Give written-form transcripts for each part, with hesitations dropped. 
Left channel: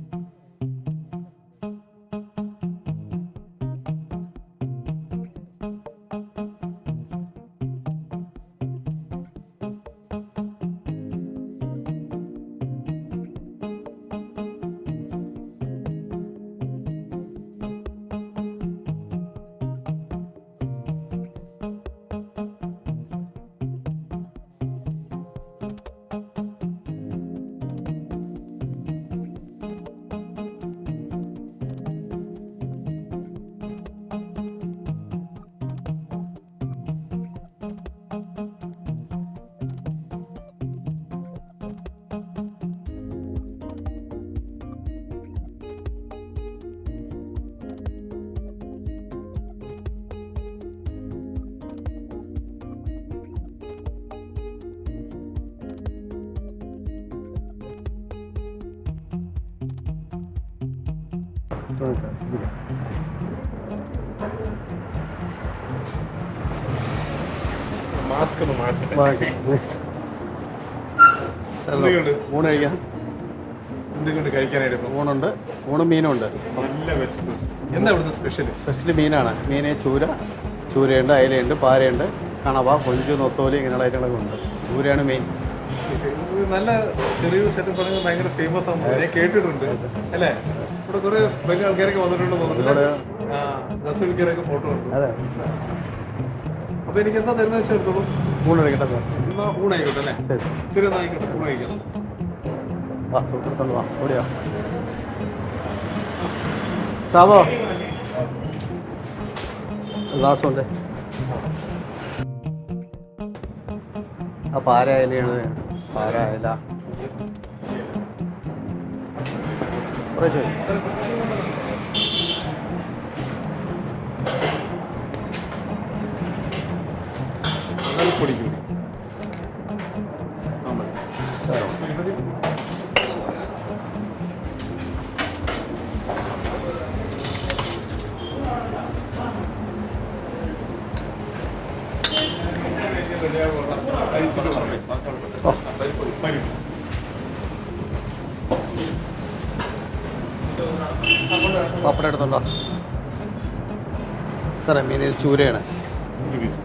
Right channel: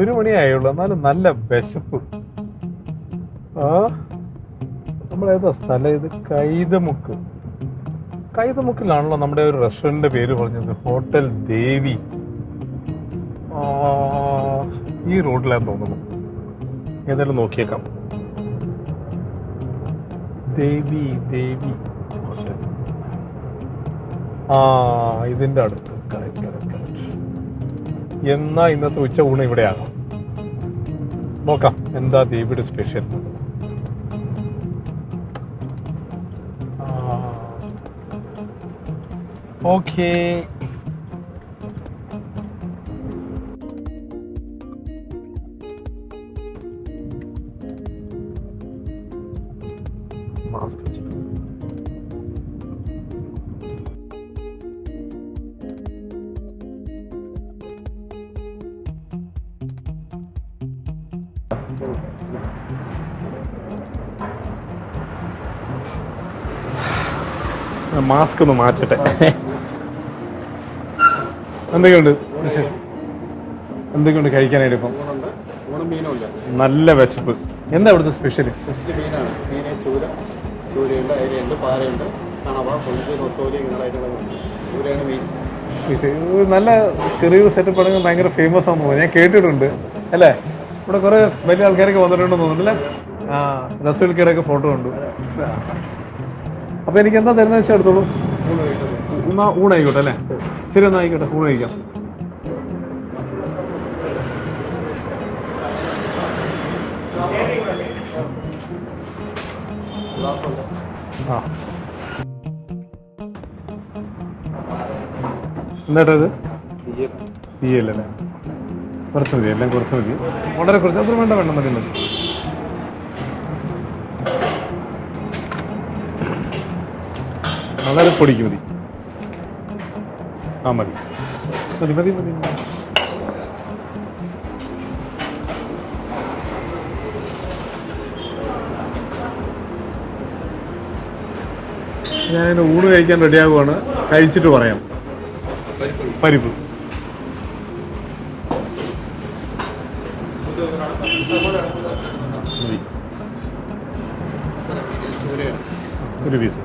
1 മണിയായുള്ളൂ, എന്നാലും നല്ല വിശപ്പ്. നമ്മളേതാ സ്ഥലം ഇത്? കൈതമുക്കിലാണല്ലോ നമ്മുടെ ഒരു റെസ്റ്റോറൻറ്റിന്റെ പേര് പറഞ്ഞത്, ഹോട്ടൽ ദേവി. ഈ റോഡിലാന്ന് തോന്നുന്നു. ഏതായാലും നോക്കിയേക്കാം. ദേവി ഹോട്ടൽ. ഇതിന്റെ അടുത്ത്. കറക്റ്റ്. എന്നാ ഇന്നത്തെ ഉച്ച ഊണ് ഇവിടെയാണ്. നോക്കാം എന്താ ദേവിയുടെ സ്പെഷ്യൽ. ഓക്കേ. മാസ്ക് ഒന്ന് മാറ്റട്ടെ. എന്തൊക്കെയുണ്ട് കഴിക്കാനായിട്ട്? ഊണുണ്ട്, ഊണും മീനുണ്ട്. നല്ല വിശപ്പ്. എന്താ ഇവിടുത്തെ സ്പെഷ്യൽ മീനാണ്. മീന് ചൂരയുണ്ട്, അയലയുണ്ട്, പാരയുണ്ട്, കണവ, കൊഞ്ച്, നൊത്തോലി, ഇങ്ങനെയുള്ള ഐറ്റങ്ങളൊക്കെ. ചൂരയാണ് മെയിൻ. നല്ല ചെറിയൊരു സെറ്റപ്പ് ആണെങ്കിൽ ഭയങ്കര ഫേമസ് ആണെന്ന് തോന്നുന്നു. ഞാൻ കേട്ടിട്ടുണ്ട് അല്ലേ? ഇവിടെ കുറെ വലിയ ആൾക്കാരൊക്കെ വന്നിട്ടുണ്ടെന്ന് തോന്നുന്നുണ്ടല്ലേ? റസൂൽക്കയുടെയൊക്കെ ഫോട്ടോ ഉണ്ട്. അപ്പൊ എനിക്ക് എന്താ തരുന്ന വെച്ചാൽ എടുത്തോളൂ. ഊണായിക്കോട്ടെ അല്ലേ? ശരി, എന്നാ ആയിക്കോട്ടെ, ഊണ് കഴിക്കാം. സാബോ ഗ്ലാസുണ്ട്. പാര അയലയാണ്. എന്താ തീയല്ലേ? കുറച്ച് മതി, എല്ലാം കുറച്ച് മതി. വളരെ കുറച്ച്. അത്ര വേണ്ട മതി. വളരെ പൊടിക്ക് മതി. മതി. ഞാൻ ഊണ് കഴിക്കാൻ റെഡിയാകുവാണ്. കഴിച്ചിട്ട് പറയാം. പരിപ്പ് പപ്പടം എടുത്തുണ്ടോ? സാറേ മീൻ ചൂരയാണ്. 1 പീസ്.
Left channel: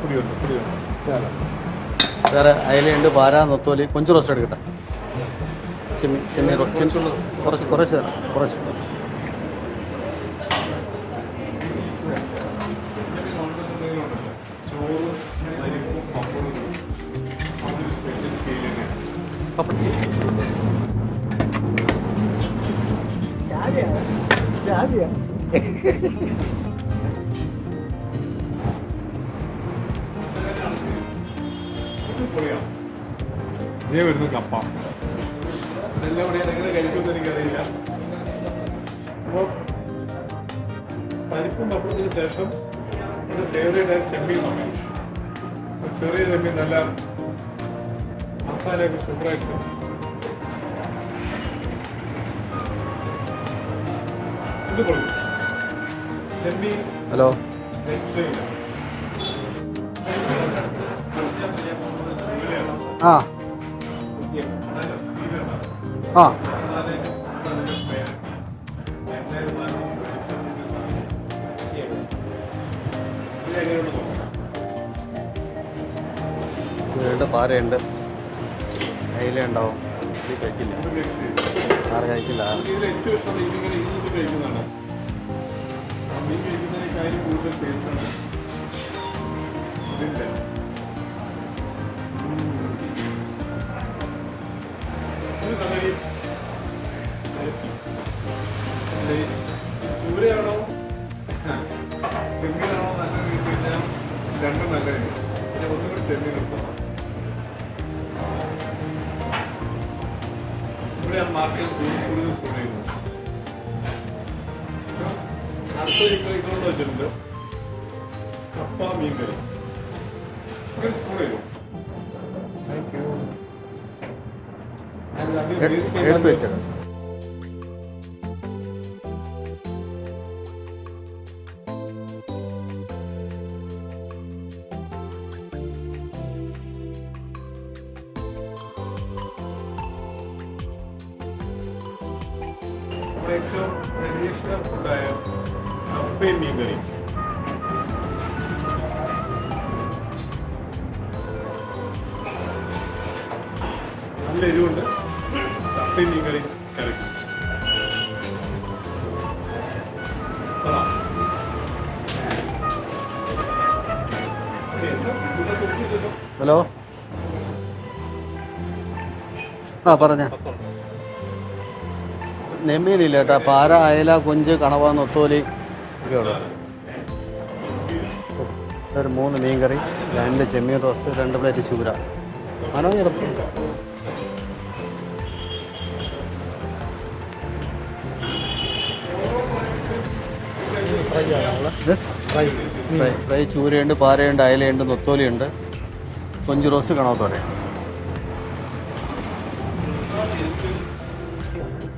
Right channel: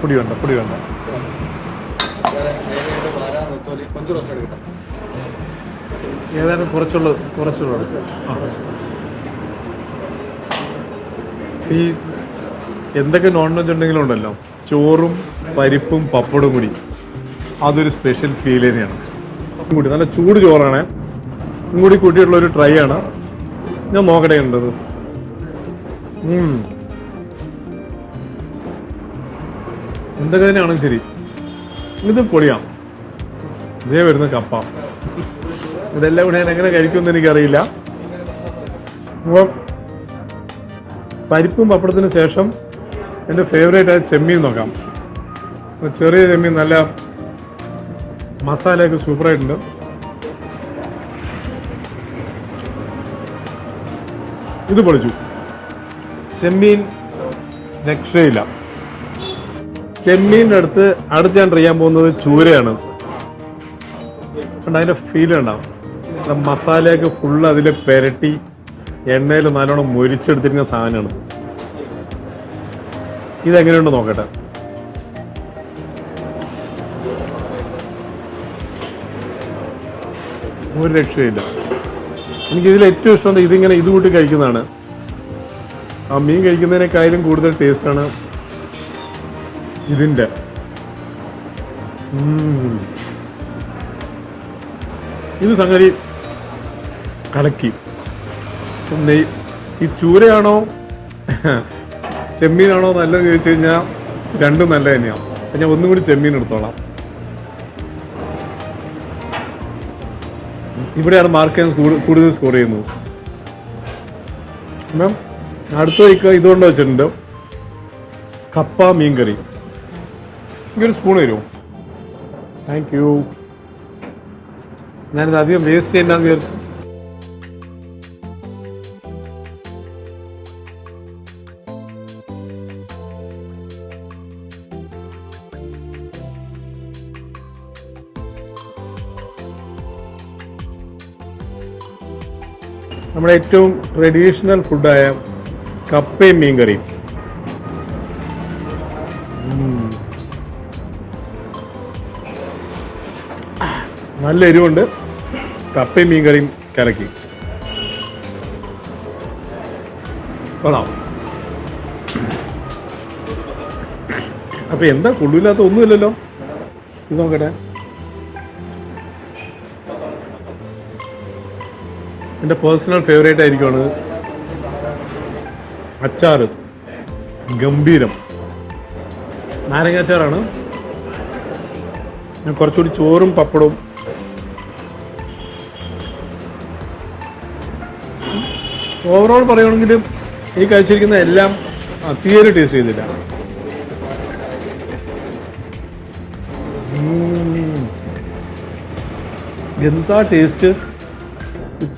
പൊടി വേണ്ട. സാറേ അയലയുണ്ട്, പാര, നൊത്തോലി, കൊഞ്ച് റോസ്റ്റ് എടുക്കട്ടെ. കുറച്ച്. ഈ എന്തൊക്കെ നോൺ വെജ് ഉണ്ടെങ്കിലും ഉണ്ടല്ലോ, ചോറും പരിപ്പും പപ്പടും കൂടി അതൊരു സ്പെഷ്യൽ ഫീൽ തന്നെയാണ്. അപ്പം കൂടി നല്ല ചൂട് ചോറാണ് കൂടി കൂട്ടിയിട്ടുള്ളൊരു ട്രൈ ആണ്. ഞാൻ നോക്കട്ടെ ഉണ്ടത്. എന്തൊക്കെ തന്നെയാണെങ്കിലും ശരി, ഇത് പൊളിയാം. ഇതേ വരുന്ന കപ്പ. ഇതെല്ലാം കൂടെ ഞാൻ എങ്ങനെ കഴിക്കുമെന്ന് എനിക്കറിയില്ല. അപ്പോൾ പരിപ്പും പപ്പടത്തിന് ശേഷം എൻ്റെ ഫേവറേറ്റ് ആയ ചെമ്മീൻ നോക്കാം. ചെറിയ ചെമ്മീൻ, നല്ല മസാലയൊക്കെ സൂപ്പറായിട്ടുണ്ട്. ഇത് പൊളിച്ചു. ചെമ്മീൻ രക്ഷയില്ല. ചെമ്മീൻ്റെ അടുത്ത് ഞാൻ ട്രൈ ചെയ്യാൻ പോകുന്നത് ചൂരയാണ്. അതിന്റെ ഫീൽ ഉണ്ടാവും. മസാലയൊക്കെ ഫുള്ള് അതിൽ പെരട്ടി എണ്ണയിൽ നല്ലോണം മൊരിച്ചെടുത്തിരിക്കുന്ന സാധനമാണ്. ഇതെങ്ങനെയുണ്ടോ നോക്കട്ടെ. ഒരു രക്ഷയില്ല. എനിക്കിതിൽ ഏറ്റവും ഇഷ്ടം ഇതിങ്ങനെ ഇത് കൂട്ടി കഴിക്കുന്നതാണ്. ആ മീൻ കഴിക്കുന്നതിനേക്കാളും കൂടുതൽ ടേസ്റ്റാണ് ഇതിൻ്റെ. ഇത് സംഗതി കലക്കി. ഈ ചൂരയാണോ ചെമ്മീനാണോ നല്ലതെന്ന് ചോദിച്ചു കഴിഞ്ഞാൽ രണ്ടും നല്ല തന്നെയാണ്. ഞാൻ ഒന്നും കൂടി ചെമ്മീൻ എടുത്തോളാം. ഇവിടെയാണ് മാർക്ക് കൂടുതൽ സ്കോർ ചെയ്യുന്നത്. അടുത്ത വയ്ക്കുക ഇതുകൊണ്ട് വെച്ചിട്ടുണ്ട് കപ്പ മീൻകറി. എനിക്കൊരു സ്പൂൺ തരുമോ? Thank you. ഞാനിത് അധികം വേസ്റ്റ് ചെയ്യണ്ടെന്ന് വിചാരിച്ചു. നമ്മുടെ ഏറ്റവും ട്രഡീഷണൽ ഫുഡായ കപ്പയും മീൻകറിയും. നല്ല എരിവുണ്ട്. കപ്പയും മീൻകറിയും കലക്കി കൊള്ളാം. അപ്പൊ എന്താ കൊള്ളില്ലാത്ത ഒന്നുമില്ലല്ലോ. ഹലോ, ഇത് നോക്കട്ടെ. പറഞ്ഞ എന്റെ പേഴ്സണൽ ഫേവറേറ്റ് ആയിരിക്കും. അയല, കൊഞ്ച്, കണവ, നൊത്തോലി, അച്ചാറ് ഗംഭീരം. 3 മീൻകറി, നാരങ്ങാച്ചാറാണ്. ചെമ്മീൻ റോസ്റ്റ്, 2 പ്ലേറ്റ് ചൂര. കുറച്ചുകൂടി ചോറും പപ്പടവും. ഓവറോൾ പറയുകയാണെങ്കിൽ ഈ കഴിച്ചിരിക്കുന്ന എല്ലാം തീരെ ടേസ്റ്റ് ചെയ്തില്ല. ഫ്രൈ ചൂരയുണ്ട്, പാരയുണ്ട്, അയലയുണ്ട്, നൊത്തോലിയുണ്ട്, കൊഞ്ച് റോസ്റ്റ്, കണവ. എന്താ ടേസ്റ്റ്.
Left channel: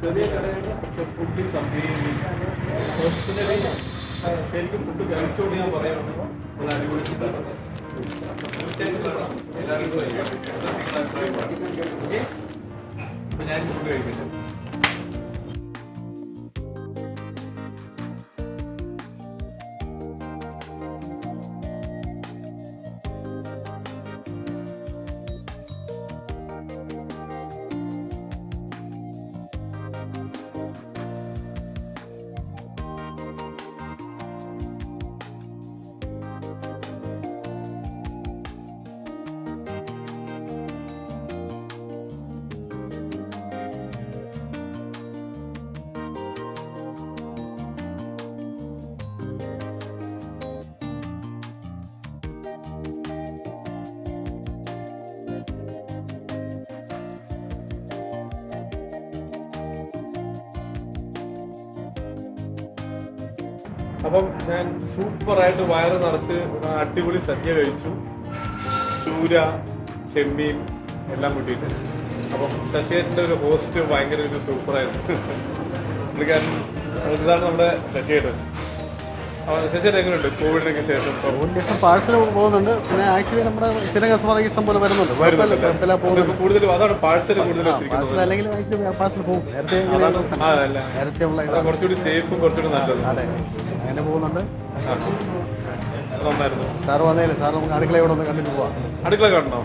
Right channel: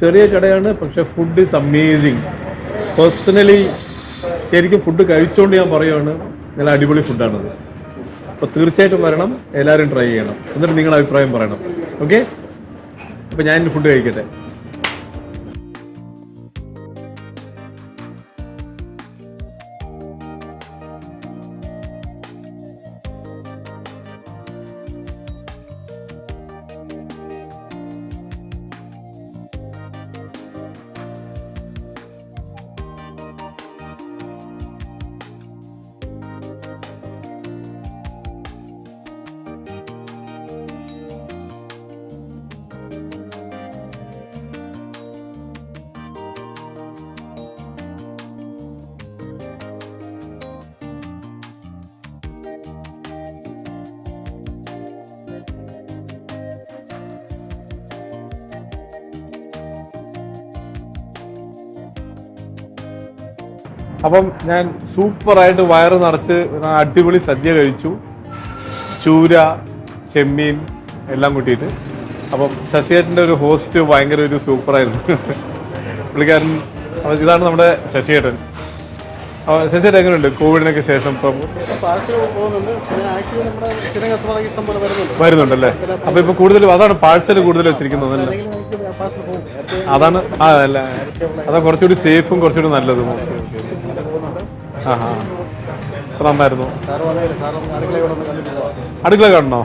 ചെറിയ കടയാണ്, പക്ഷെ ഫുഡ് ഇസ് അമേസിങ്. പേഴ്സണലി ശരിക്കും ഫുഡ് കഴിച്ചുകൊണ്ട് ഞാൻ പറയുകയാണ്, നല്ല അടിപൊളി ഫുഡാണത്. അപ്പോൾ തീർച്ചയായിട്ടും വരണം, എല്ലാവരും ട്രൈ ചെയ്യണം, എന്നിട്ട് നിങ്ങളുടെ അഭിപ്രായം പറയണം. ഓക്കെ, അപ്പോൾ ഞാൻ ഫുഡ് കഴിക്കട്ടെ. അപ്പം ഞാൻ സൂപ്പറായിട്ട് വയറ് നിറച്ച് അടിപൊളി സദ്യ കഴിച്ചു. ചൂര, ചെമ്മീൻ എല്ലാം കൂട്ടിയിട്ട്. അപ്പം ശശിയേട്ടൻ്റെ ഒരു ഹോസ്റ്റ് ഭയങ്കര ഒരു സൂപ്പറായിരുന്നു. പുള്ളിക്കാരൻ ഇതാണ് നമ്മുടെ ശശിയേട്ടൻ. ശശിയേട്ടൻ എങ്ങനെയുണ്ട് കോവിഡിനൊക്കെ ശേഷം? ഇപ്പം വരുന്നുണ്ടല്ലേ? അപ്പൊ ഇപ്പൊ കൂടുതലും അതാണ് പാഴ്സൽ കൂടുതൽ വെച്ചിരിക്കുന്നത്. അതാണ് അല്ല, അതാ കുറച്ചുകൂടി സേഫും കുറച്ചുകൂടി നല്ലതും. നന്നായിരുന്നു. അടുക്കള കാണണോ?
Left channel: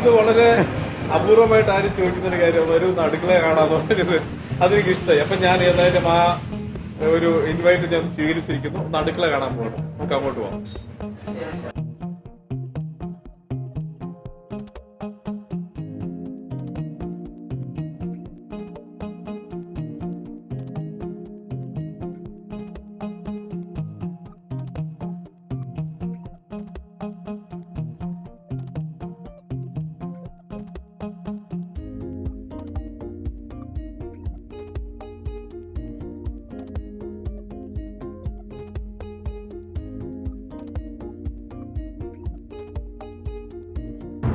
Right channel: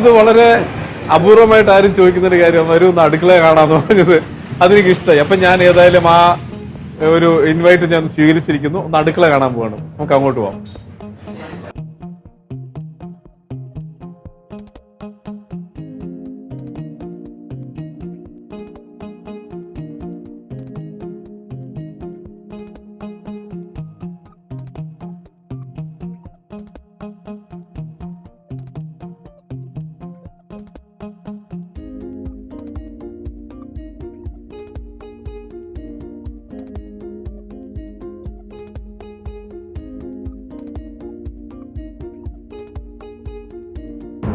ഇത് വളരെ അപൂർവമായിട്ട് ആരും ചോദിക്കുന്നൊരു കാര്യമാണ്. ഒരു അടുക്കള കാണാന്ന് പറഞ്ഞത് അതെനിക്ക് ഇഷ്ടമായി. അപ്പൊ ഞാൻ ഏതായാലും ആ ഒരു ഇൻവൈറ്റ് ഞാൻ സ്വീകരിച്ചിരിക്കുന്നു. ഒന്ന് അടുക്കള കാണാൻ പോവാണ്. നമുക്ക് അങ്ങോട്ട് പോവാം.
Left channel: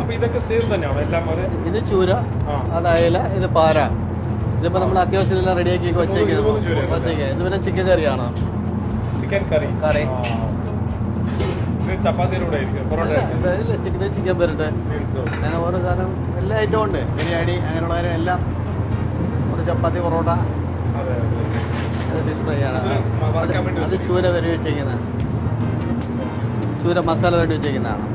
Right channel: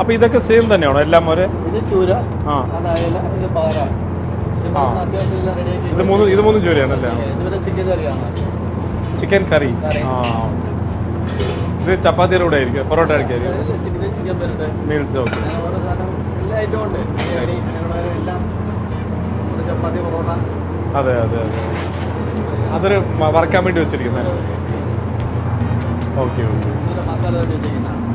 അപ്പൊ ഇതൊക്കെ സെയിം തന്നെയാണോ എല്ലാം? ഇത് ചൂര, അത് അയല, ഇത് പാര. അത്യാവശ്യം എല്ലാം റെഡിയാക്കി. ഇത് മൂന്നും ചൂരയാണല്ലേ? ഇത് ചിക്കൻ കറിയാണ്. ചിക്കൻ കറി. ഇത് ചപ്പാത്തിയുടെ കൂടെ ആയിരിക്കും, പൊറോട്ട ആയിരിക്കും. ചിക്കൻ ഓരോ സാധനം എല്ലാ ഐറ്റവും ഉണ്ട്. ബിരിയാണി അങ്ങനെയുള്ള എല്ലാം. ചപ്പാത്തി, പൊറോട്ട. അതെ അതെ, അതൊരു വറക്കാൻ വേണ്ടി വെച്ചിരിക്കും. ചൂര വരെ വെച്ചിരിക്കുന്നത്. Okay okay. ചൂര മസാല വേണ്ടി വെച്ചിരിക്കുന്നതാണ്.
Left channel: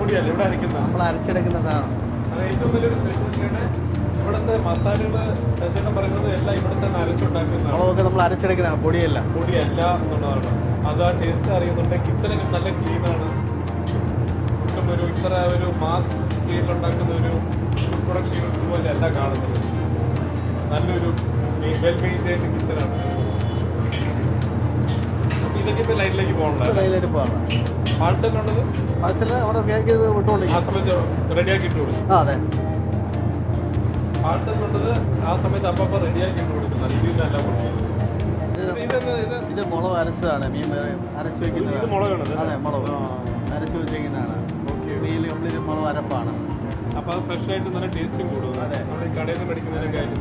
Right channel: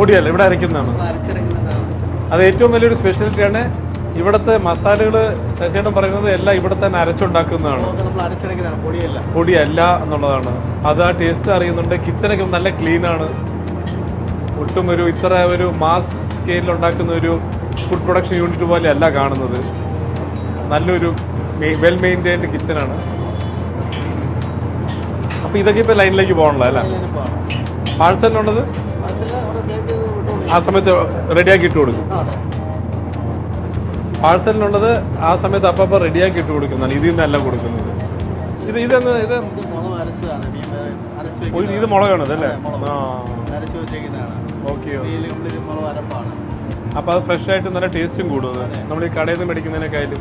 പൊടിയല്ല, ഇവിടെ അരയ്ക്കുന്നതാണ്. അത് ഏറ്റവും വലിയൊരു സ്പെഷ്യാലിറ്റിയാണ്. ഇവിടുത്തെ മസാലകൾ ശശിയേട്ടൻ പറയുന്നത് എല്ലാം ഇവിടെ തന്നെ അരച്ചുണ്ടാക്കുന്നതാണ്. പൊടിയല്ല എന്നുള്ളതാണ്. അത് ആ ടേസ്റ്റ് അറിയുന്നുണ്ട്. കിച്ചണൊക്കെ നല്ല ക്ലീനാണ്. ഒട്ടും ഒരു ഇത്ര ഒരു മാസ് സ്കെയിലിൽ ഉണ്ടാക്കുന്ന ഒരു ഫുഡ് പ്രൊഡക്ഷൻ യൂണിറ്റ് പോലെ അല്ല കാണുന്നത്. നല്ലൊരു വെൽ മെയിൻറ്റൈൻഡ് കിച്ചണാണ്. അപ്പൊ ഇതൊക്കെ ഇപ്പൊ ലൈനിലേക്ക് പോകണല്ലോ അല്ലേ? പാഴ്സലുള്ളത് ആ സമയത്ത് റെഡിയാക്കി ഇട്ട് കൊടുക്കും. പാഴ്സലിനുള്ളത് ആ സമയത്ത് അപ്പം റെഡിയാക്കി ഇട്ട് കൊടുക്കുന്നതാണ്. ഇതിൽ നിന്നല്ല കൊടുക്കുന്നത്. ഇത് മുളകാണത് അല്ലേ? അപ്പൊ അത് ഫ്രഷ് ആയിട്ട് നല്ല ടേസ്റ്റും കൂടുന്നത്. നമ്മൾ ഈ കടയിൽ നിന്ന് മേടിക്കുന്നതിനേക്കാളും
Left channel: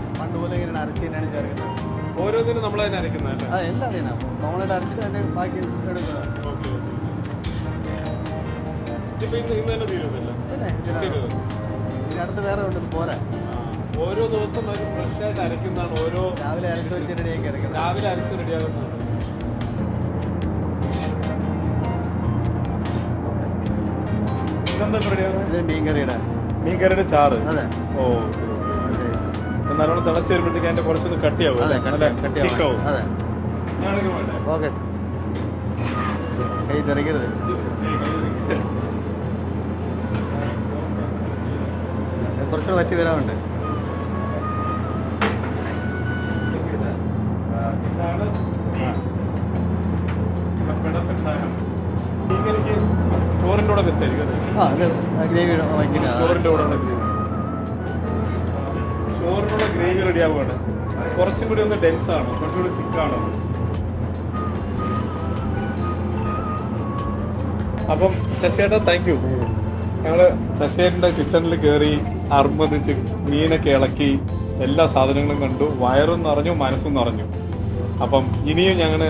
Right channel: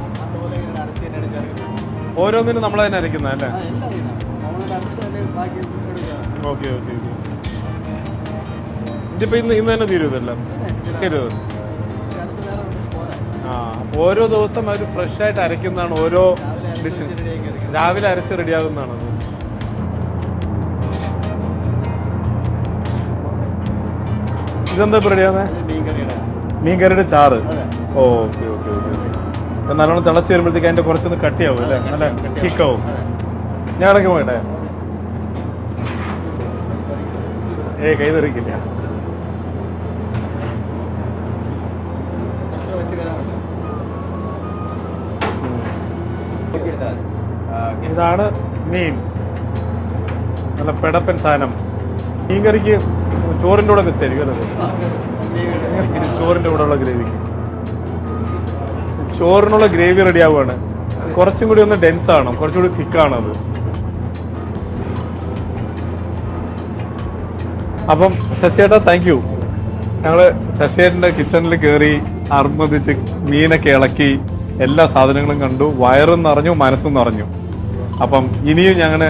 ഓരോന്നിനും നമ്മൾ തന്നെ അരയ്ക്കുന്നതല്ലേ? Okay okay. ഇതിപ്പോ ഇന്ന് തന്നെ തീരുമല്ലോ? ഓരോ ദിവസം അവർ ഫ്രഷ് ആയിട്ട് അരയ്ക്കുന്നതാണ് ഓരോ രാവിലെ അരച്ച് റെഡിയാകുന്നതാണ്. ഇതെന്താ റെഡിയാകുന്നത്? മീൻകറിയുടെ ചാറ്. ഓ നല്ലോണം തിളച്ച് വരുമ്പോഴത്തേക്ക് അതിന്റെ കുറച്ചൊന്ന് കട്ടിയാവും അല്ലേ? നല്ല തിക്കാവും. ഞാൻ ഇടയ്ക്ക് പോയിട്ടെ. കൈ തെറിക്കില്ല. ഇതാണ് മീൻ. നല്ല പെടപ്പൻ സാധനം. മീൻ കറിക്ക് ചോറിൻ്റെ കൂടെ വെച്ചായിരിക്കും. ചോറിൻ്റെ കൂടെ ഉള്ള ഗ്രേവി. ചോറിനുള്ള ഗ്രേവി റെഡി ആവുകയാണ്. കുറച്ചും കൂടി ഒന്ന് ഡെൻസ് ആണ്, കുറച്ചും കൂടി തിക്കാണ് അത്. അപ്പം ശശിയേട്ടാ താങ്ക് യു. ഞങ്ങള് ശശിയേട്ടൻ്റെ കിച്ചണിൽ കയറി അറുന്നതിച്ച് മീനൊക്കെ ഇളക്കി എല്ലാ സാധനങ്ങളും കണ്ടു. വയറും നിറഞ്ഞു, മനസ്സും നിറഞ്ഞു. അപ്പം ഇനിയും ഞങ്ങള്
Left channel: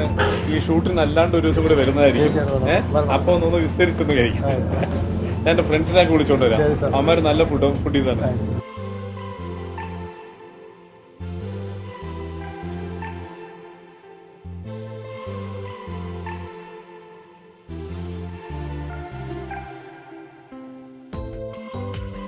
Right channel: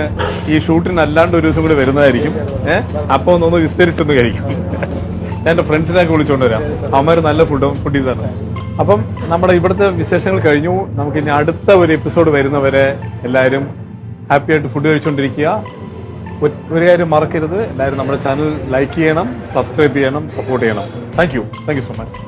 ഈ ഷൂട്ടിന് അല്ലാണ്ട് ഒരു ദിവസം കൂടി വരുന്നതായിരിക്കും. അപ്പൊ ഒന്ന് വിസ്തരിച്ചൊന്ന് കഴിക്കും. ഞാൻ എൻ്റെ ഫ്രണ്ട്സിനെയൊക്കെ വിളിച്ചുകൊണ്ട് വരാം. അവന്മാർ നല്ല ഫുഡീസ് തന്നെ. അപ്പം നമ്മുടെ ഇവിടുത്തെ വിശേഷങ്ങൾ കഴിഞ്ഞു. നമുക്ക് ഇനി അടുത്ത ഒരു എപ്പിസോഡ് വരുന്നവരെ എല്ലാവരും ഹാപ്പി ആയിട്ട് ഫുഡ് കഴിച്ചുകൊണ്ടിരിക്കുക. ഒരു കാര്യം മറക്കരുത്, എല്ലാവരും നമ്മുടെ ചാനൽ ലൈക്ക് ചെയ്യണം, സബ്സ്ക്രൈബ് ചെയ്യണം, സപ്പോർട്ട് ചെയ്യണം. Thank you so much.